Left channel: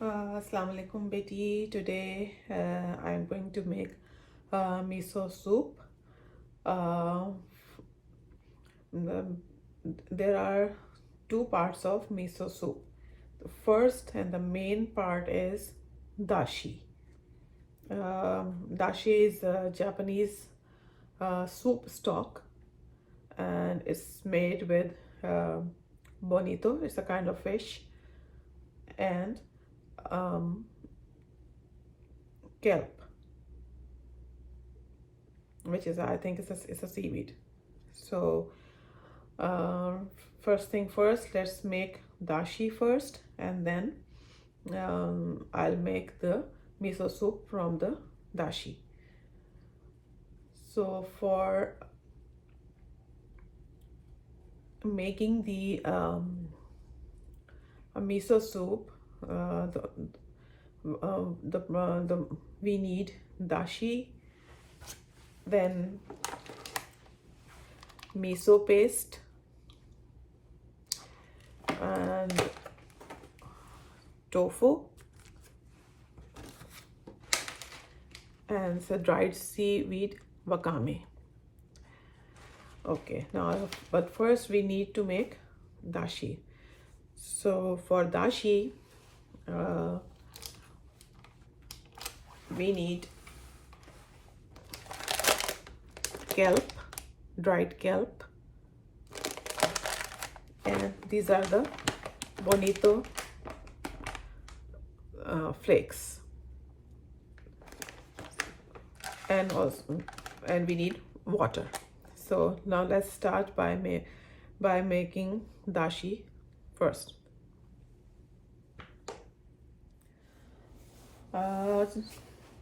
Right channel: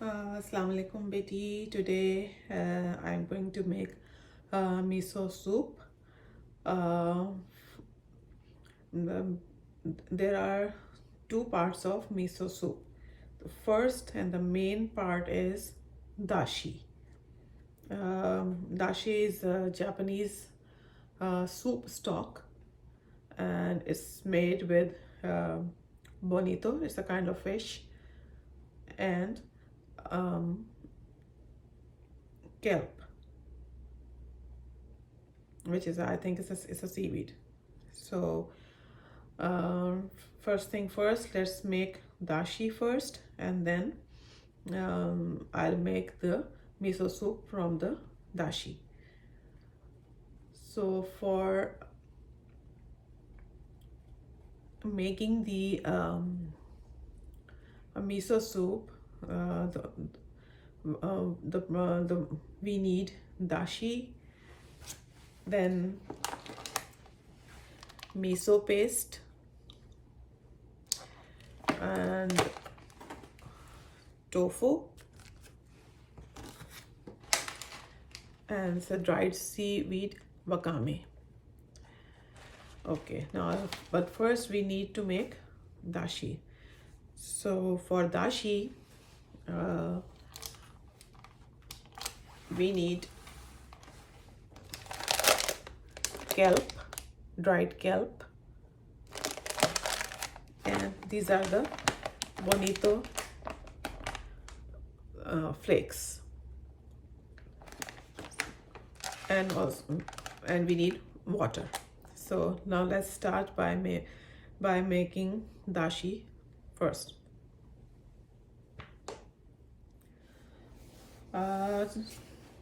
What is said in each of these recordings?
Assalamu alaikum beti. Today I'm going to make miso soup. Uh, there are two parts of miso soup. The first and the main part is dashi. Dashi is a Japanese soup stock, and it's made with bonito. It's a kind of fish, and kelp, which is, I think, it's a seaweed. So first thing first, let's make dashi first, and then I'll make the miso soup from the dashi. So for making the miso soup, we need dashi, then miso paste, and tofu, and the dried seaweed wakame. Okay, now but first we need to make dashi. So for dashi, we need kelp, dried kelp, and these are the Bonito flakes, and we need water. So now let's start by making dashi first.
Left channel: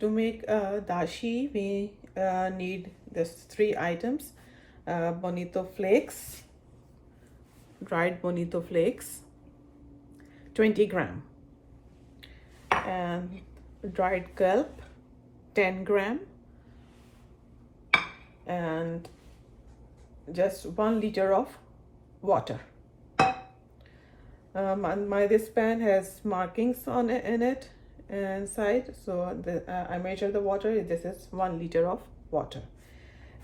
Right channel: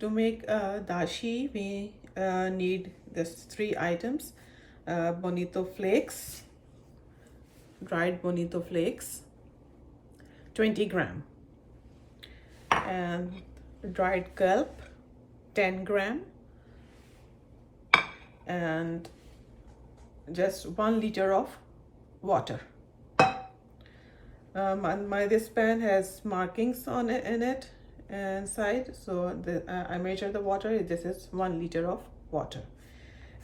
To make dashi, we need this three items: bonito flakes, dried bonito flakes, 20 gram, and dried kelp, 10 gram, and just 1 liter of water. And this pan has markings on it, in it inside, so I measure the water. This is 1 liter of water.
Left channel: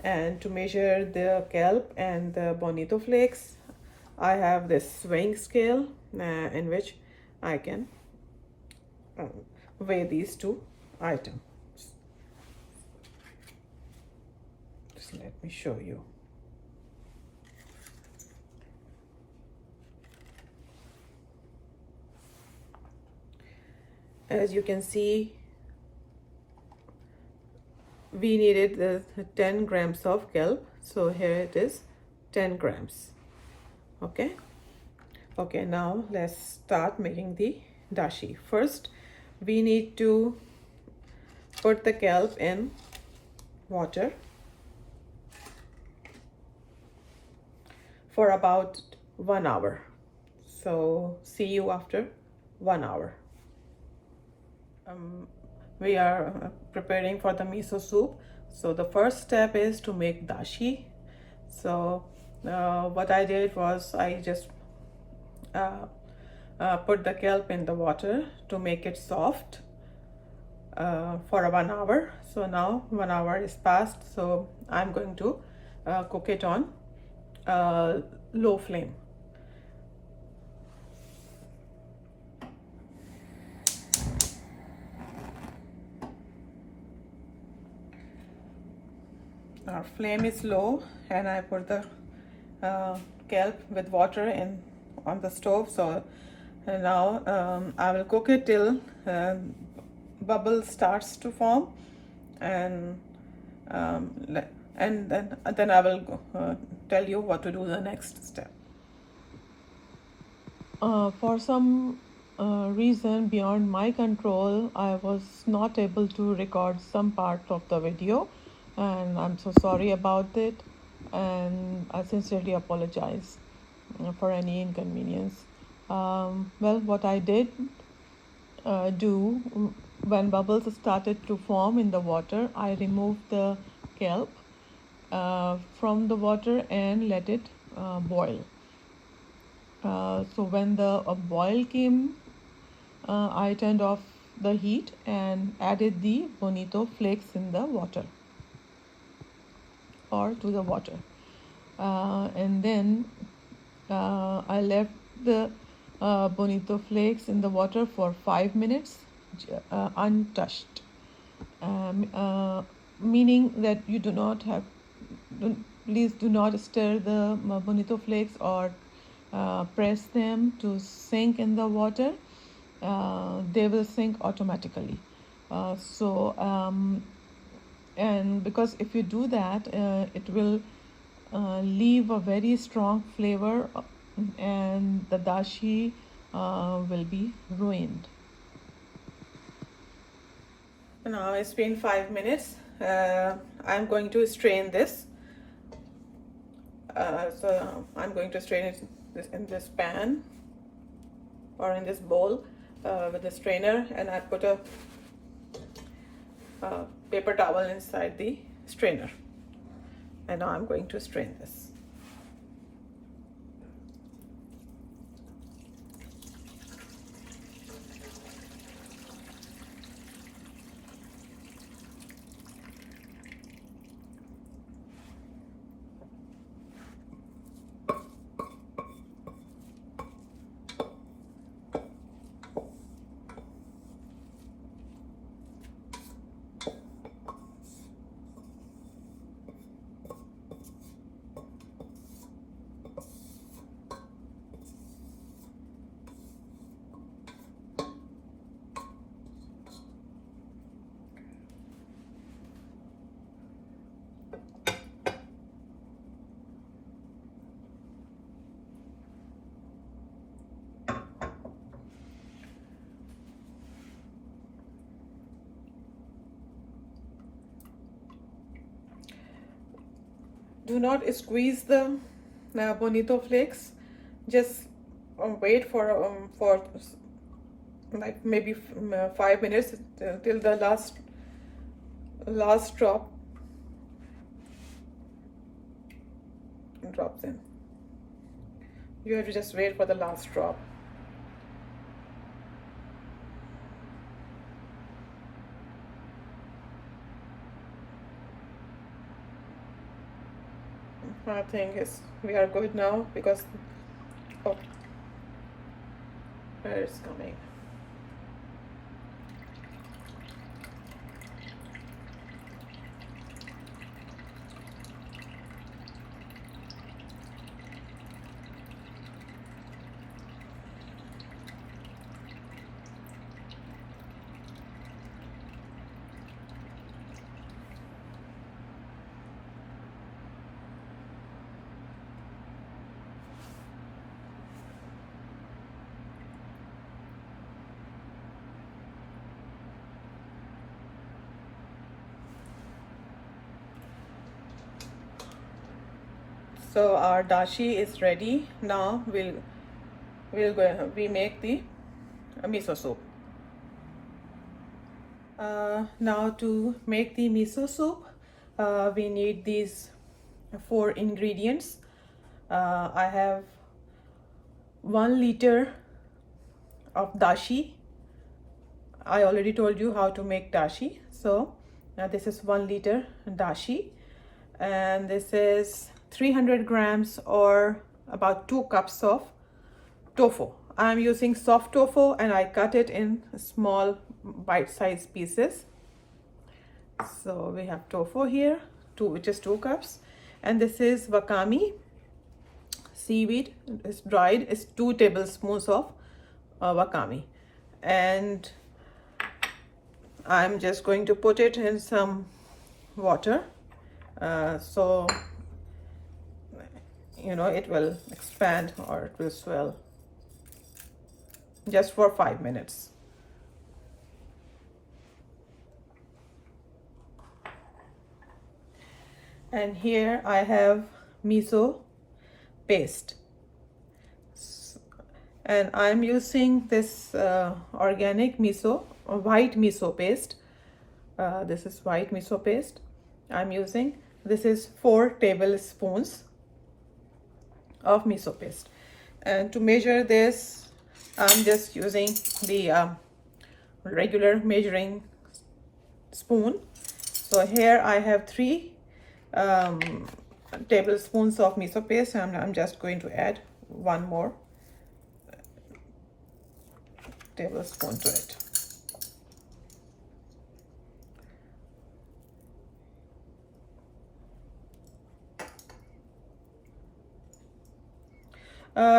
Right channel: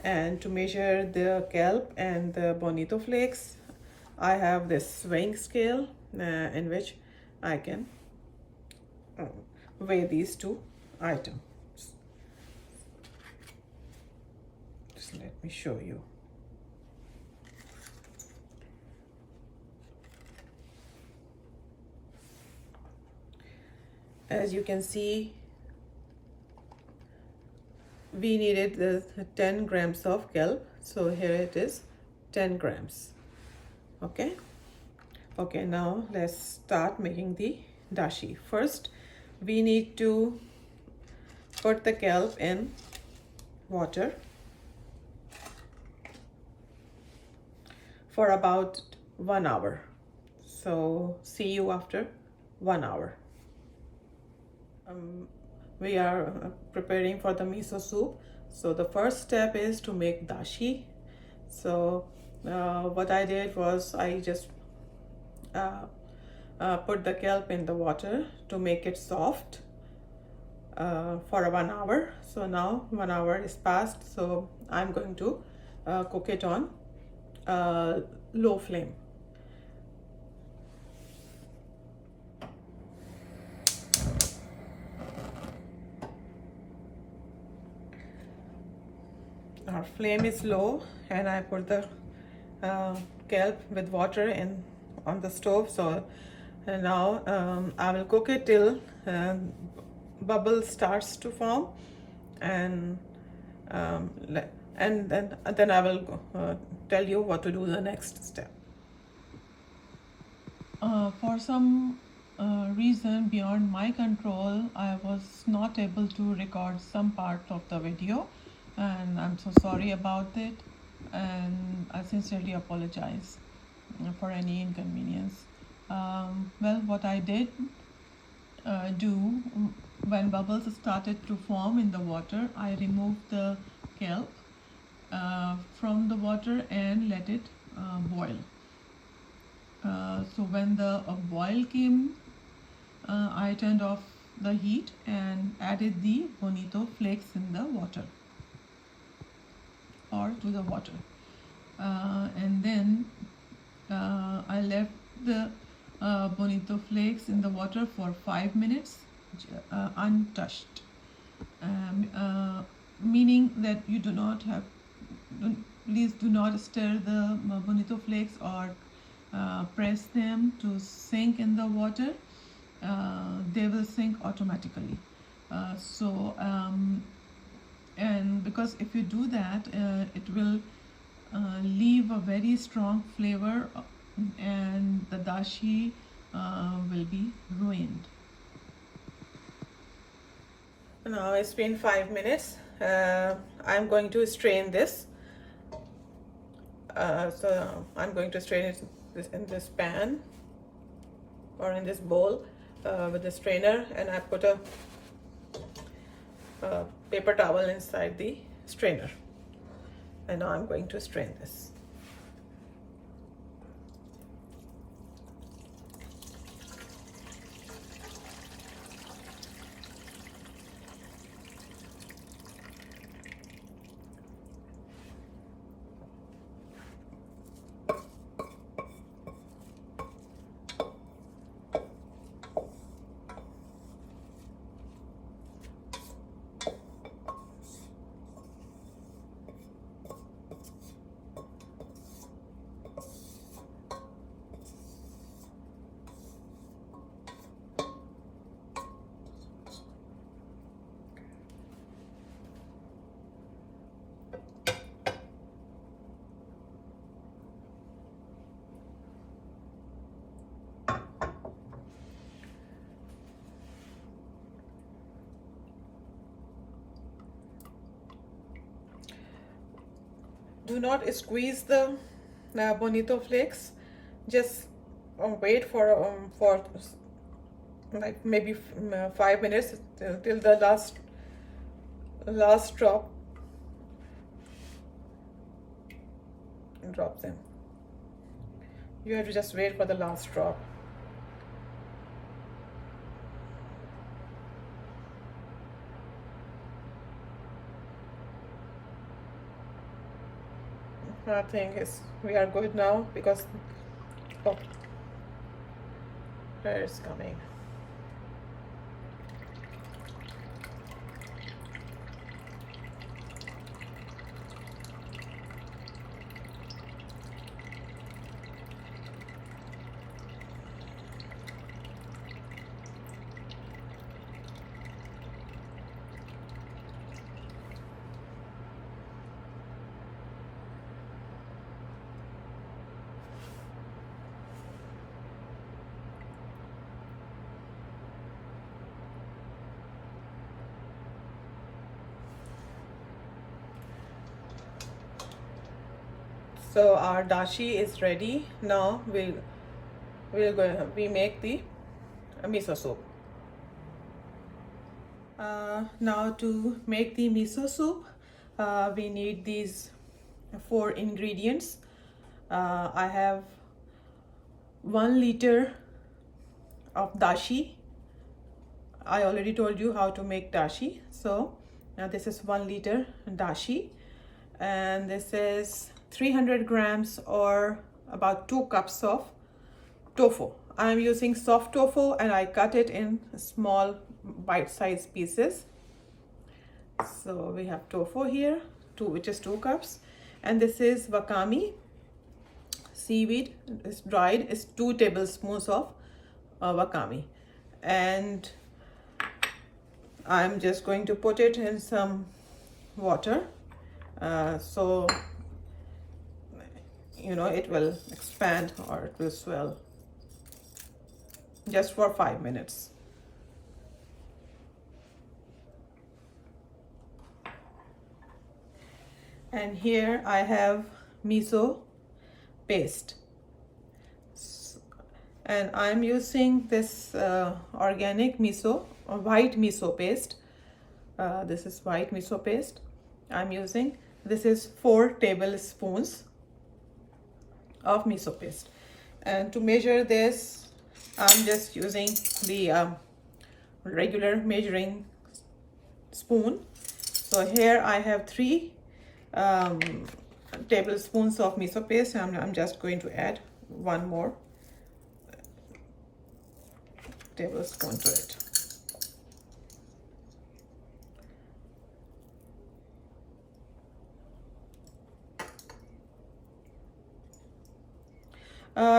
And to measure the kelp and the bonito flakes, I have this weighing scale in which I can weigh these two items. Just let me show you. As you can see, we needed the 10 grams of kelp, so here it is, 10 grams. Okay, now let's start making the dashi. First, we need to put the kelp in water for about 1 hour. So see you after 1 hour. We are preparing for the miso soup. So the first step is to make dashi. So what I did was I just put the kelp in the water to make it soft for 1 hour. So now 1 hour is passed, so I'm going to cook it on low flame. Our flame is low, and I put the kelp with water on the stove. So now I will cook it till bubble starts to form, and then I will tell you what to do the next step. For some reason beyond my control, I was not able to record some parts of the video, and I'm so sorry about it, and I sincerely apologize for any inconvenience. Well, what I did do when bubbles started to form in the water, I removed the kelp from the water and let it boil. So when the boil came, I turned off the heat and added the Bonito flakes in the water or to the water. And then I left the Bonito flakes in the water for 5 minutes untouched, meaning that you do not have, please do not stir the Bonito flakes or press them to sink in the water. They will sink automatically. And because if you do that, it will leave a very strong flavor, and the dashi will be ruined. Now it's been 5 minutes. I'm going to strain this. So I'm going to strain it in this pan or in this bowl with the strainer, and I put a paper towel inside the strainer, and now I'm going to strain this. Do not squeeze the Bonito flakes. Just wait for like maybe 5 minutes till the last drop drops in. You have to just wait for the last drop. I think we are good now because there it's coming. So our dashi is ready. Now we make the miso soup. Now to make the miso soup, we need these 4 ingredients. I have 1 liter of dashi. I already told you how to make dashi. So now this is 1 liter dashi, and this is 300 grams or about 2 cups of tofu. I'm using soft tofu and I cut it in small bite-sized pieces. So we have tofu here, which is 2 cups, and this is wakame seaweed. It's dried. It's 2 tablespoons of wakame, and I'm just going to put it in some water so it will expand or it will swell, just for 5 minutes. And here I have miso paste, and I'm using this organic miso or white miso paste. This is white miso paste I'm using. This is 4 tablespoons of miso paste, and to measure this I'm just using the regular measuring spoon. So here I have 3 tablespoons of miso paste, and I'm just going to add 1 more tablespoon to it.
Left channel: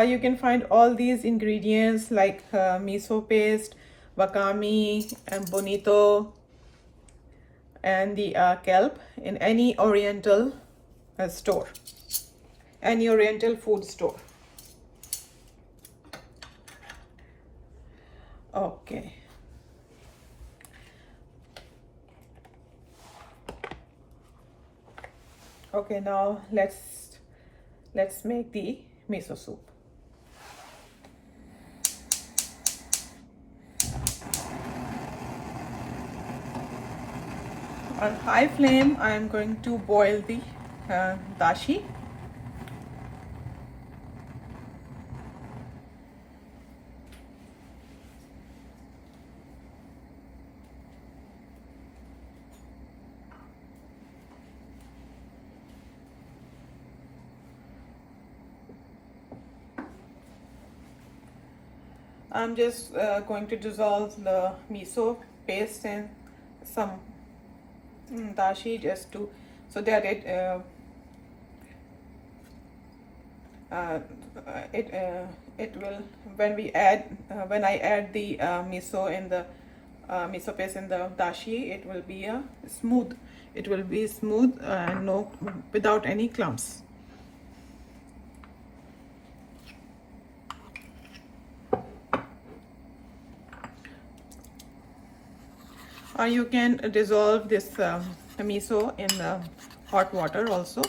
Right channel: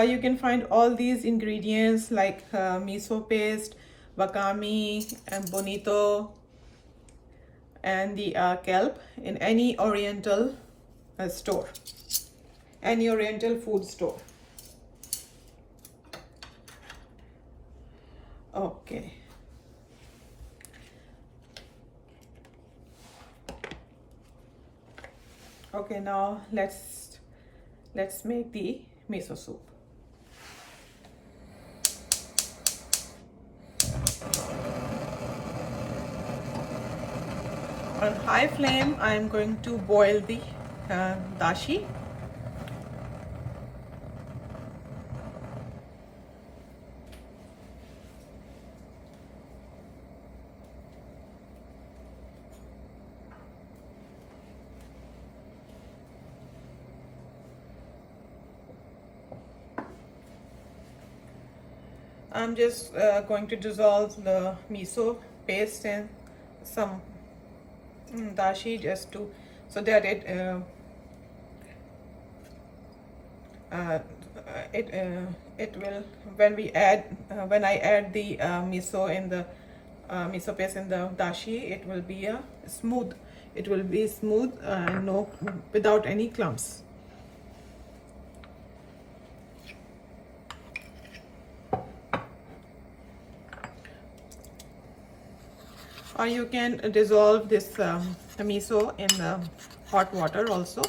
You can find all these ingredients like miso paste, wakame, and bonito, and the kelp in any oriental store, any oriental food store. Okay. Okay, now let's make the miso soup. On high flame, I am going to boil the dashi. I'm just going to dissolve the miso paste in some dashi just to so that it will when I add the miso in the miso paste in the dashi, it will be smooth. It will be smooth and no without any clumps. Or you can dissolve this miso in hot water also.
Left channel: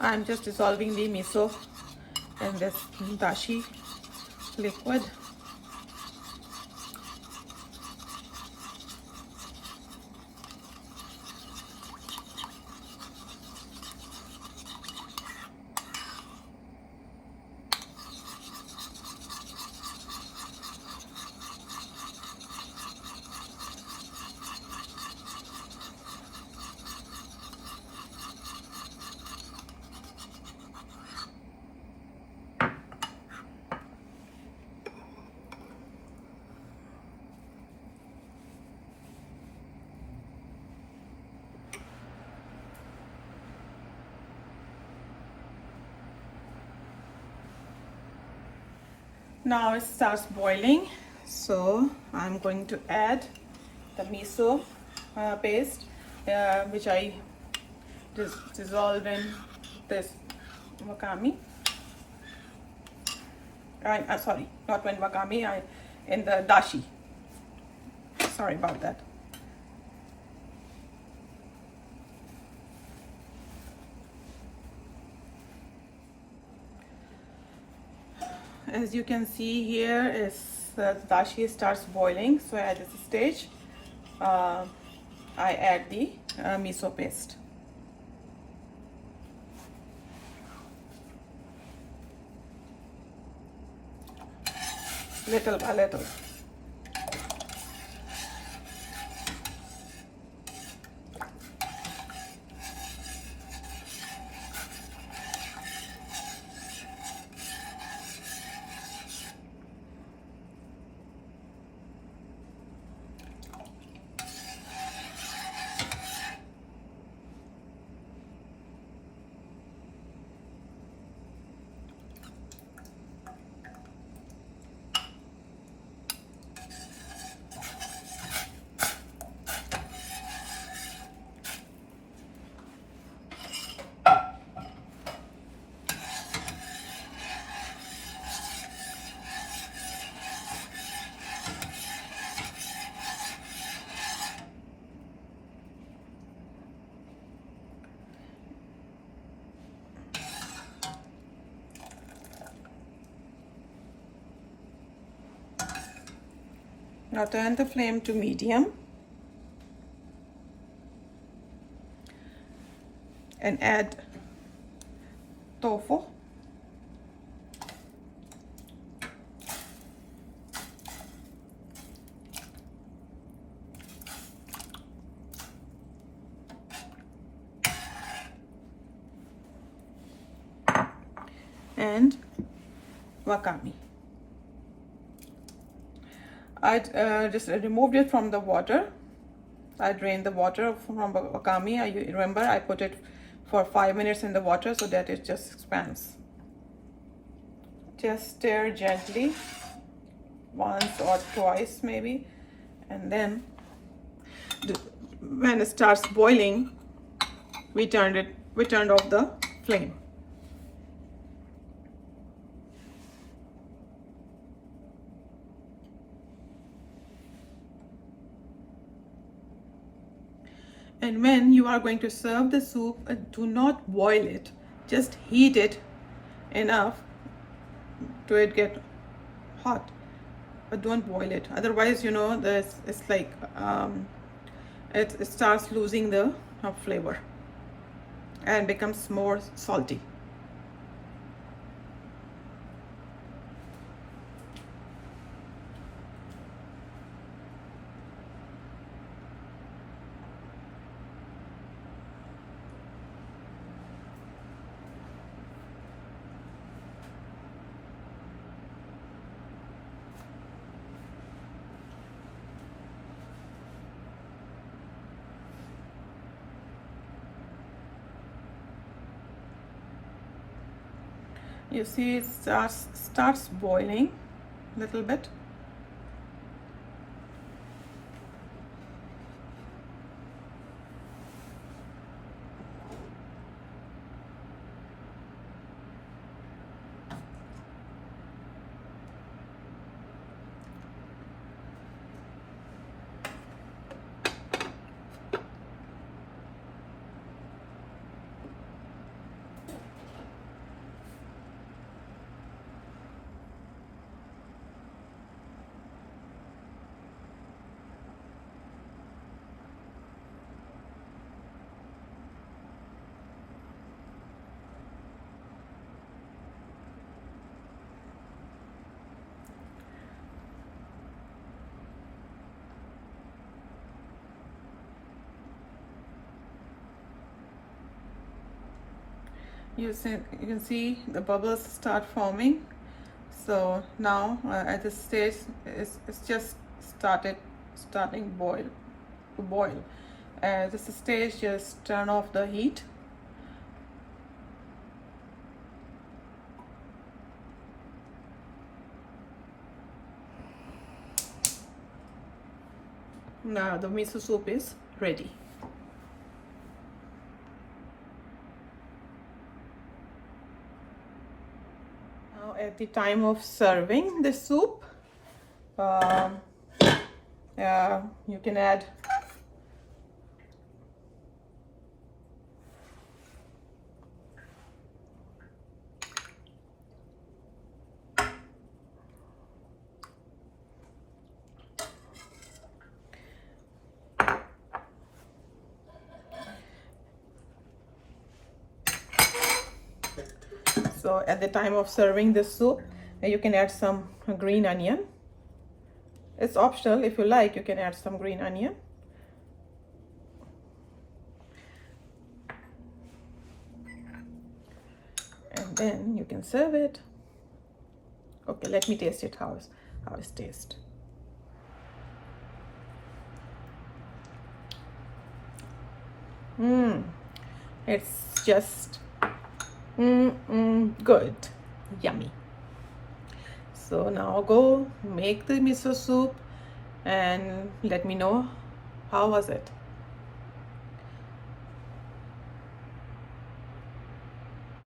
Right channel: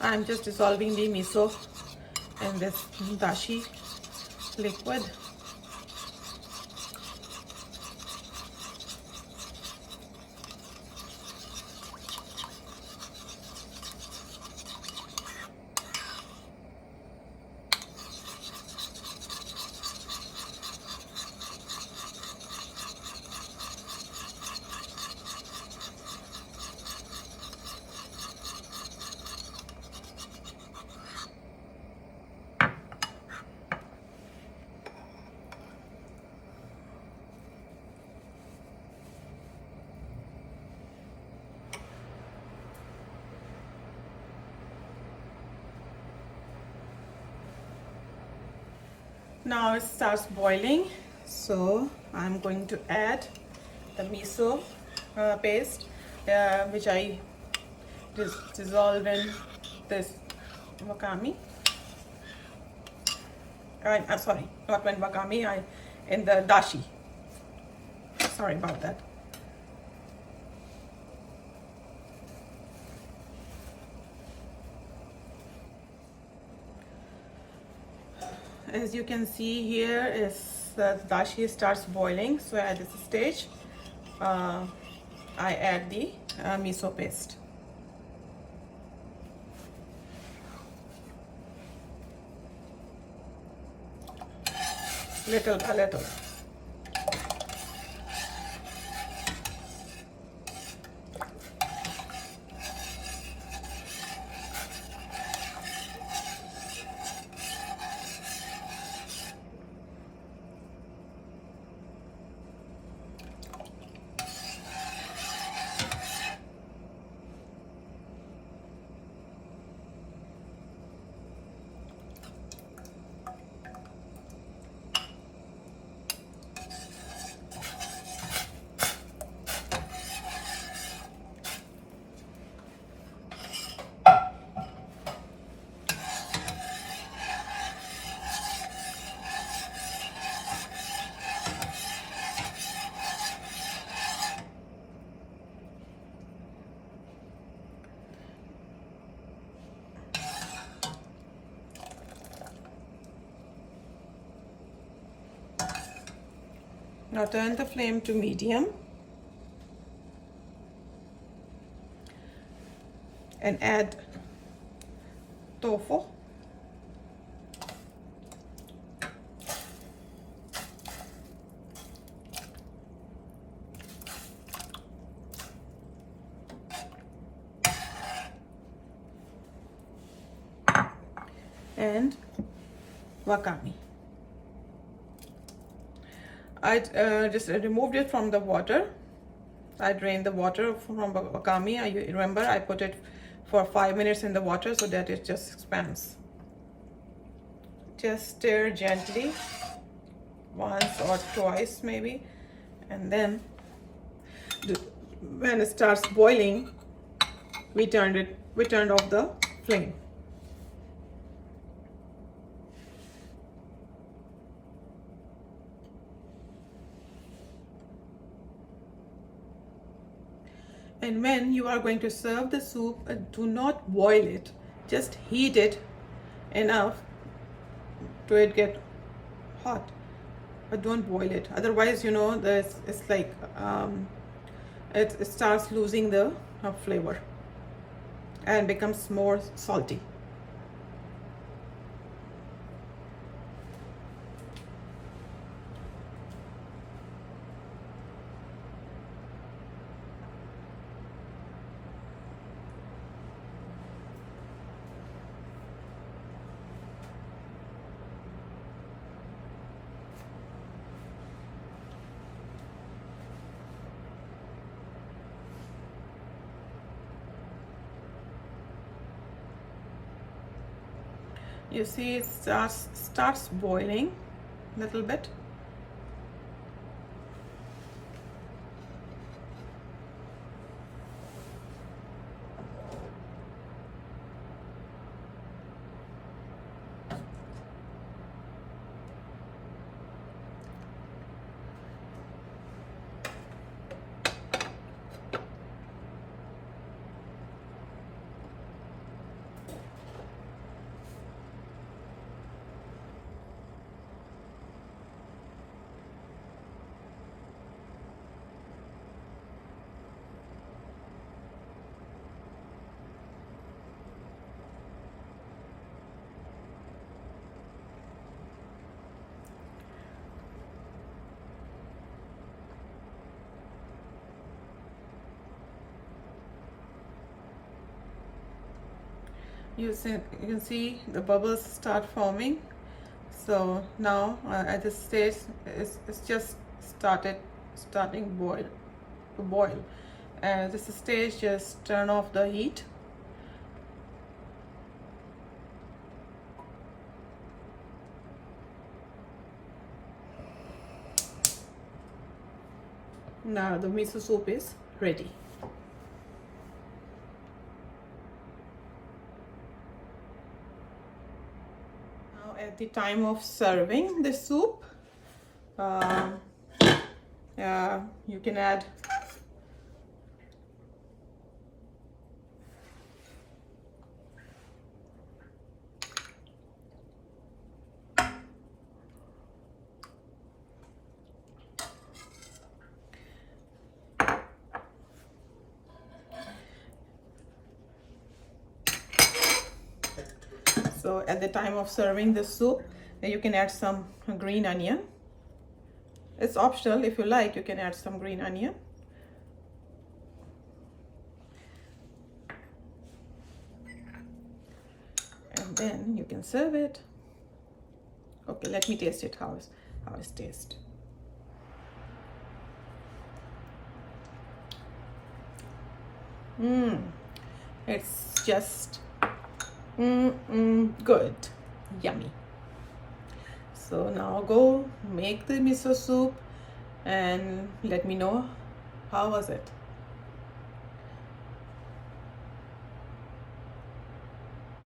I'm just dissolving the miso in this dashi liquid. Now it starts boiling, so I'm going to add the miso paste which I dissolved in this wakame. Sorry, not when wakame, in the dashi. Sorry about that. As you can see here, is the dashi starts boiling. So at this stage, I add the miso paste. Little by little. Now turn the flame to medium and add tofu. And wakame. I just removed it from the water. I drained the water from wakame. I remember I put it for 5 minutes in the water so that it just expands. Just stir gently once or twice maybe, and then when it starts boiling, we turned off the flame. And when you are going to serve the soup, do not boil it, just heat it enough to it get hot, but don't boil it. Otherwise, you know, it's like it starts losing the flavor and becomes more salty. You see it starts boiling a little bit. You can see the bubbles start forming. So now at this stage it's just starting to boil. At this stage, just turn off the heat. Now the miso soup is ready. At the time of serving the soup, you can add so at the time of serving the soup, you can add some green onion. It's optional. If you like, you can add some green onion. And then you can serve it. Okay, let me taste it. How it tastes. It's just good, yummy. So now go make the miso soup and let me know how was it.